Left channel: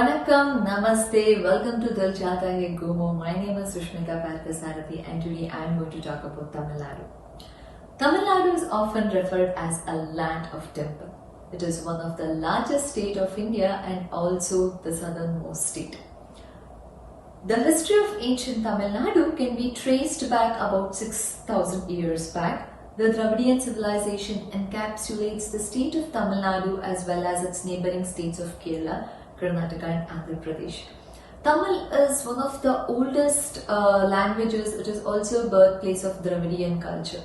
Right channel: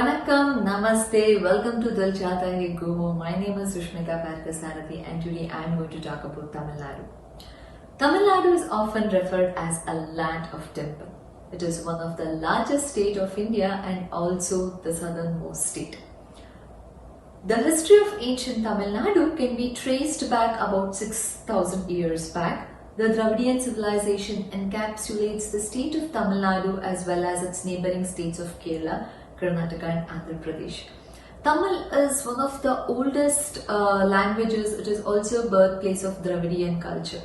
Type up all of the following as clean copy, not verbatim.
Vanakkam, Namaste, welcome to Dil Chahta Hai Gumo. My name is Sushmita Parthasarathy and today I am going to talk about Tamil Nadu. Tamil Nadu is often referred as a land of temple. It is one of the largest states of India and also the southernmost state. The history of ancient Tamil Nadu can be traced back about 6,000 years back. The Dravidian civilization encapsulates the state of Tamil Nadu as well as its neighboring states of Kerala, Karnataka and Andhra Pradesh. Tamil is one of the oldest languages. It is also birthplace of Dravidian culture.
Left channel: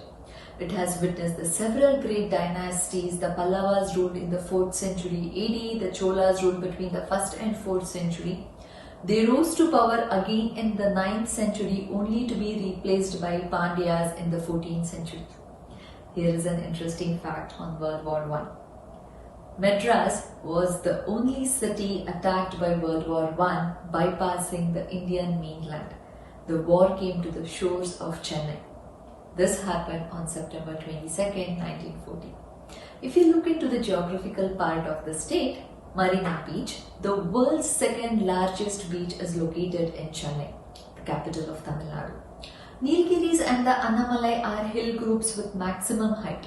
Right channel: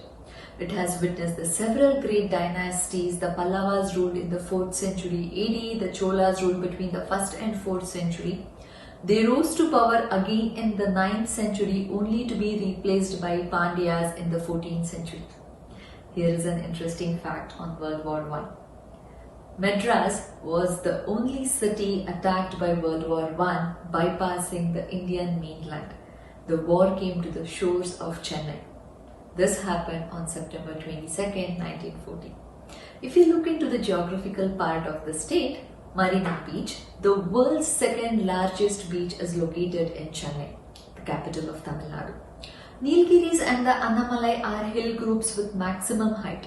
It has witnessed the several great dynasties. The Pallavas ruled in the 4th century AD, the Cholas ruled between the 1st and 4th century. They rose to power again in the 9th century only to be replaced by Pandyas in the 14th century. Here is an interesting fact on World War I. Madras was the only city attacked by World War I, bypassing the Indian mainland. The war came to the shores of Chennai. This happened on September 22, 1940. If you look into the geographical part of the state, Marina Beach, the world's second largest beach, is located in Chennai, the capital of Tamil Nadu. Nilgiris and the Annamalai are hill groups with maximum height.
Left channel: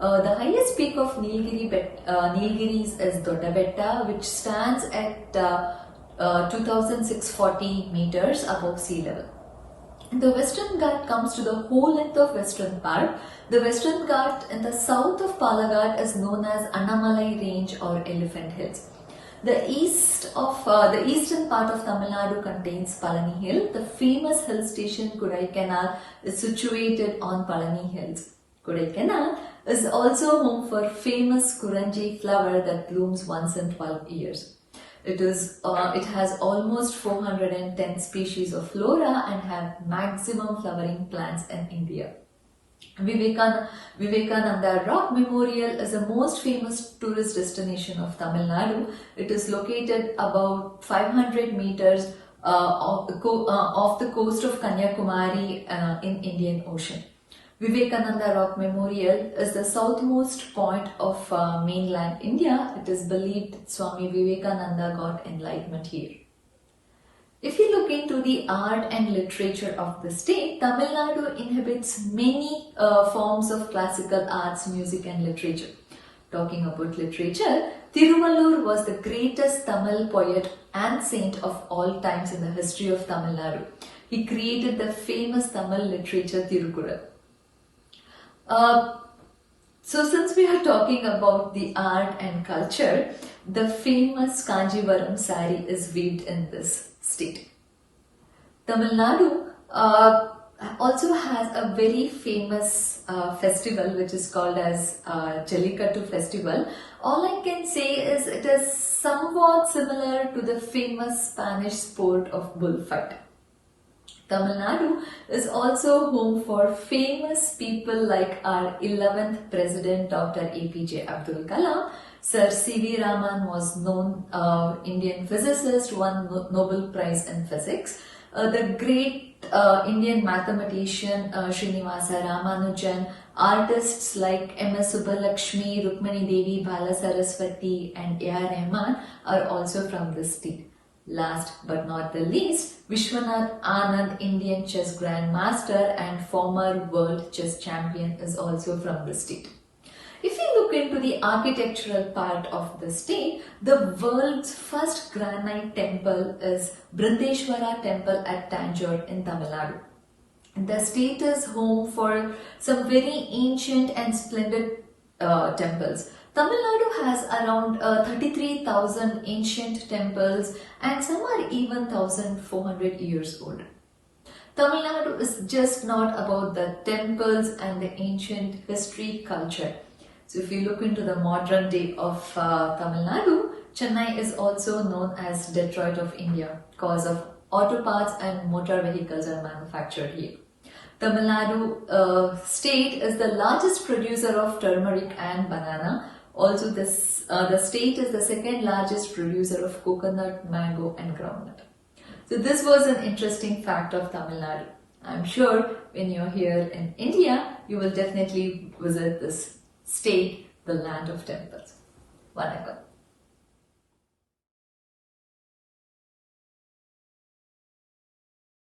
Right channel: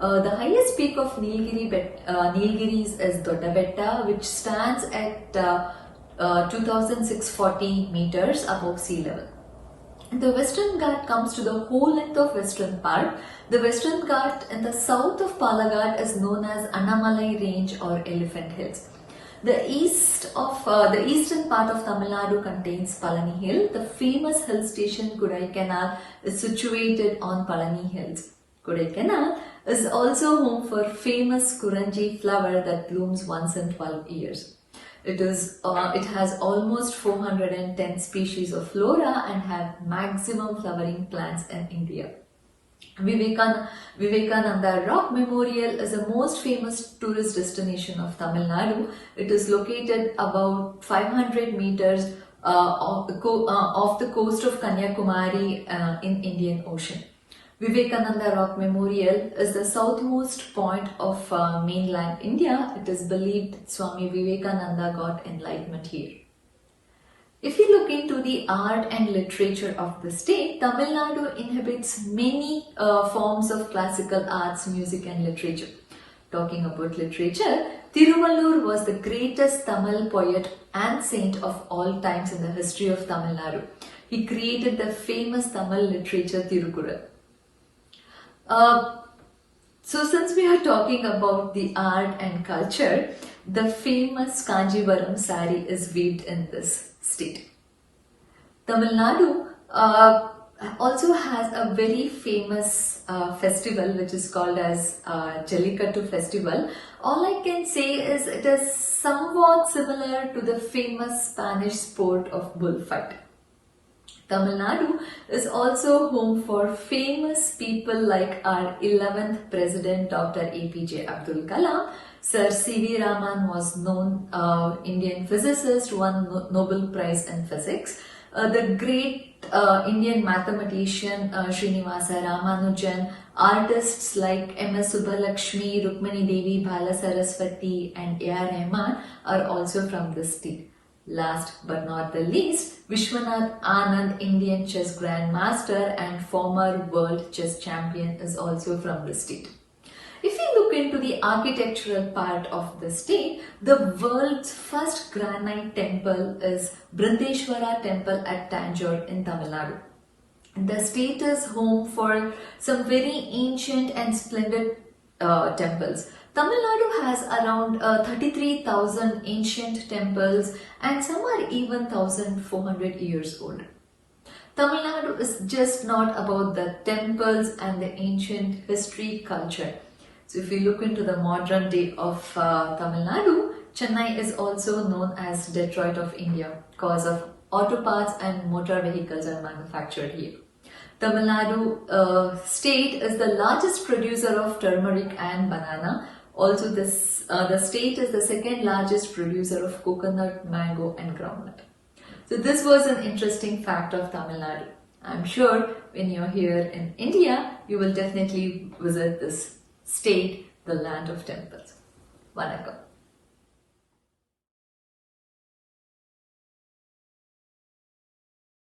The highest peak of Nilgiris is Doddabetta, which stands at 2,640 meters above sea level. The Western Ghat comes to the whole length of Western part. The Western Ghat in the south of Palaghat is known as Annamalai Range or Elephant Hills. The eastern part of Tamil Nadu contains Palani Hill. The famous hill station Kodaikanal is situated on Palani Hills. Kodaikanal is also home for famous Kuranji flower that blooms once in 12 years. It has almost 410 species of flora and have maximum flowering plants in India. Vivekananda Rock Memorial is the most famous tourist destination of Tamil Nadu. It is located about 500 meters off the coast of Kanyakumari in Indian Ocean. Vivekananda Rock Memorial is the southmost point of mainland India. It is believed Swami Vivekananda got enlightenment here. If you look into the art and literature of the state, Tamil Nadu inhabits many forms of classical arts, music and literature. Talking about literature, Tiruvallur was the greatest Tamil poet and saint of all times in the history of Tamil Nadu. He created the famous Tamil literature Tirukkural. So since we are talking about the art and culture, the famous Kanjivaram sari is weaved in this state. Tamil Nadu also has a very famous festival which is called as Jallikattu festival. All I can say is it is somewhat similar to the famous Spanish sport of bullfight. Tamil Nadu is also home for famous people like our 11th President Dr. APJ Abdul Kalam. Sir C.V. Raman was known Indian physicist, won Nobel Prize in Physics. The great Indian mathematician Srinivasa Ramanujan, artists like M.S. Subbulakshmi, Rukmini Devi, Bala Saraswati and A.R. Rahman are also from this state. Last but not the least, Vishwanath Anand, Indian chess grandmaster and former world chess champion, is also from the state. If you look into the architectural part of the state, the world's first granite temple is Brindeshwara Temple at Tanjore in Tamil Nadu. The state is home for some very ancient and splendid temples. Tamil Nadu has around 33,000 ancient temples and some are even 1,400 years old. Tamil Nadu is just not about the temples and the ancient history culture. So if you look into the modern day of Tamil Nadu, Chennai is also known as Detroit of India because of auto parts and motor vehicles are manufactured here. Tamil Nadu state is the largest producer of turmeric and banana. Also, the state is the second largest producer of coconut, mango and groundnut. So this was an interesting fact of Tamil Nadu. I'm sure when you're here in India, you will definitely visit this state, the land of temples. Vanakkam.